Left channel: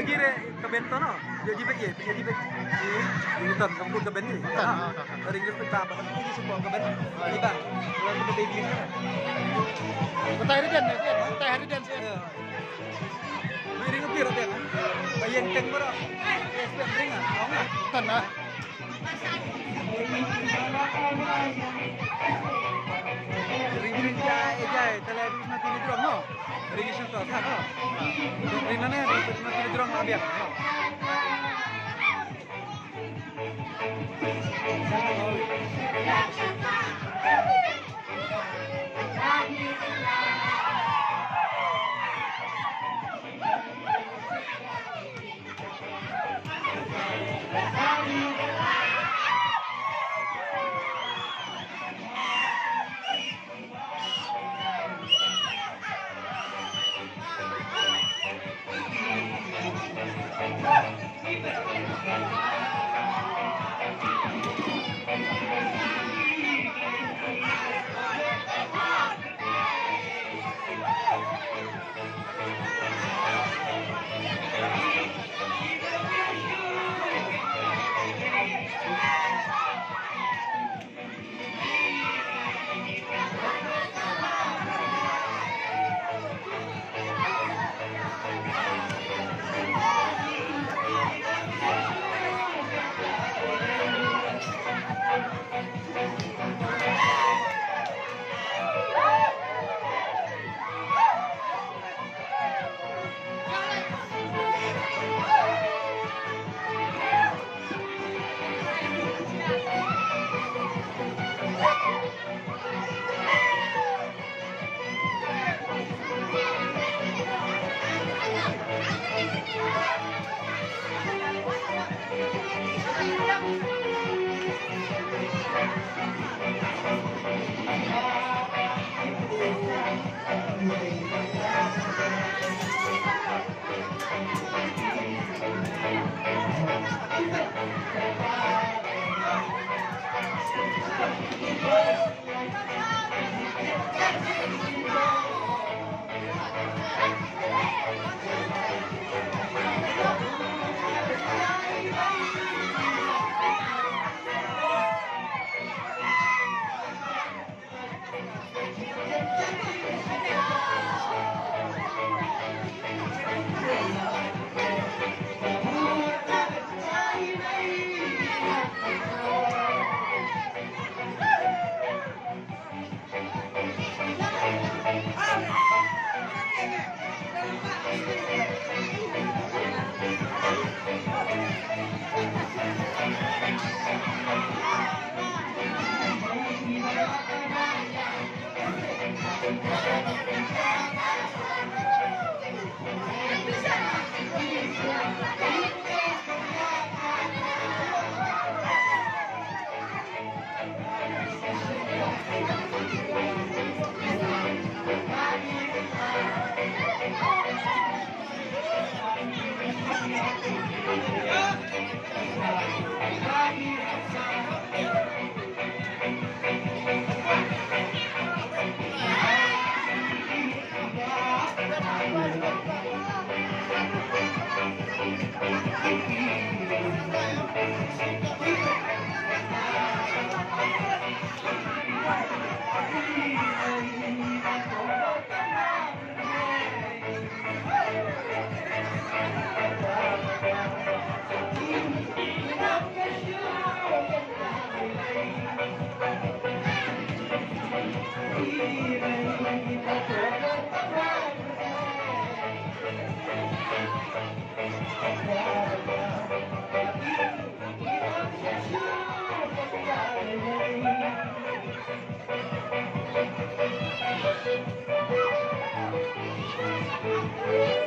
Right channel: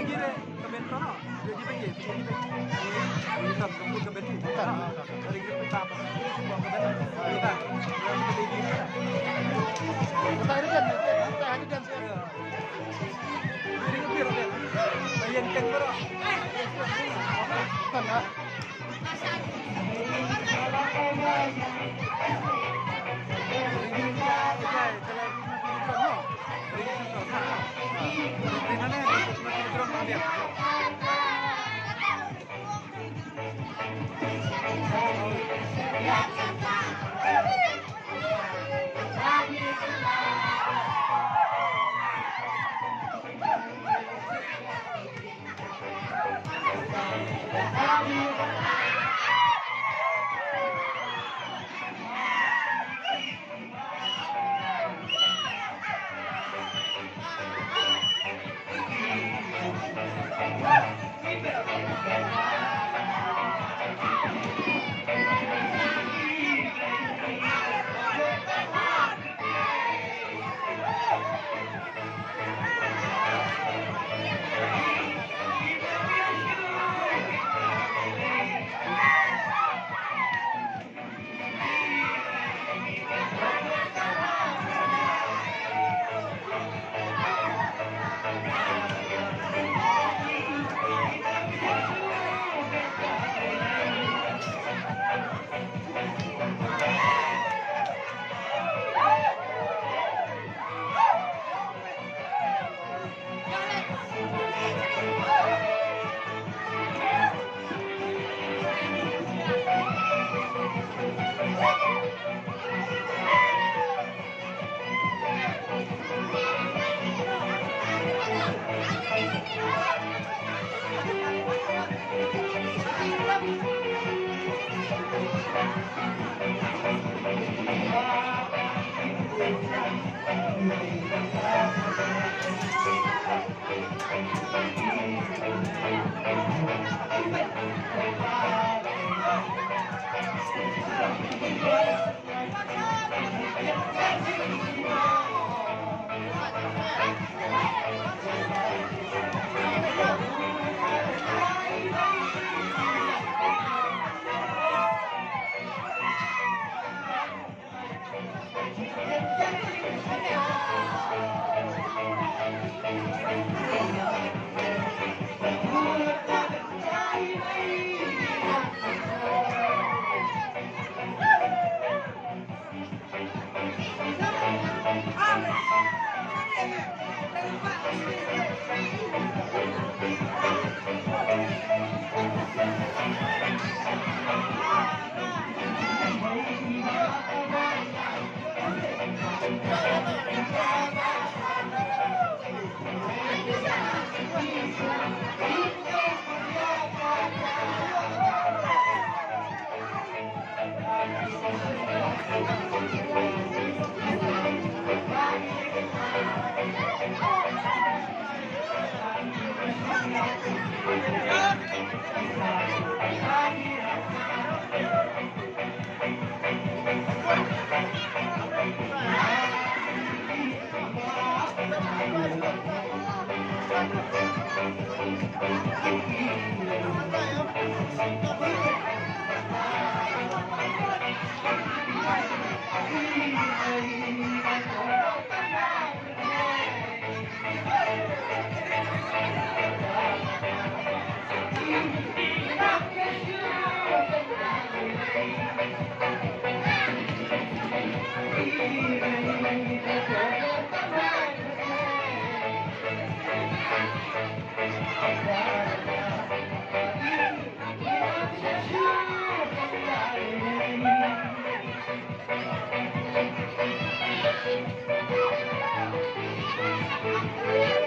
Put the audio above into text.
lagi deh ke bento no. Jadi bagi. Nonton kamu ke bento. Hari ini kita apa? Ini semua ke bento. Kita. Kalau kita baby mana? Kita hari dan sih. Jadi ngetir apa? Bayan tank bro. Kan ah. Ring jai television TV drone no. Ring suka apa? Ring mana? Ring TV drone ada. Thank you.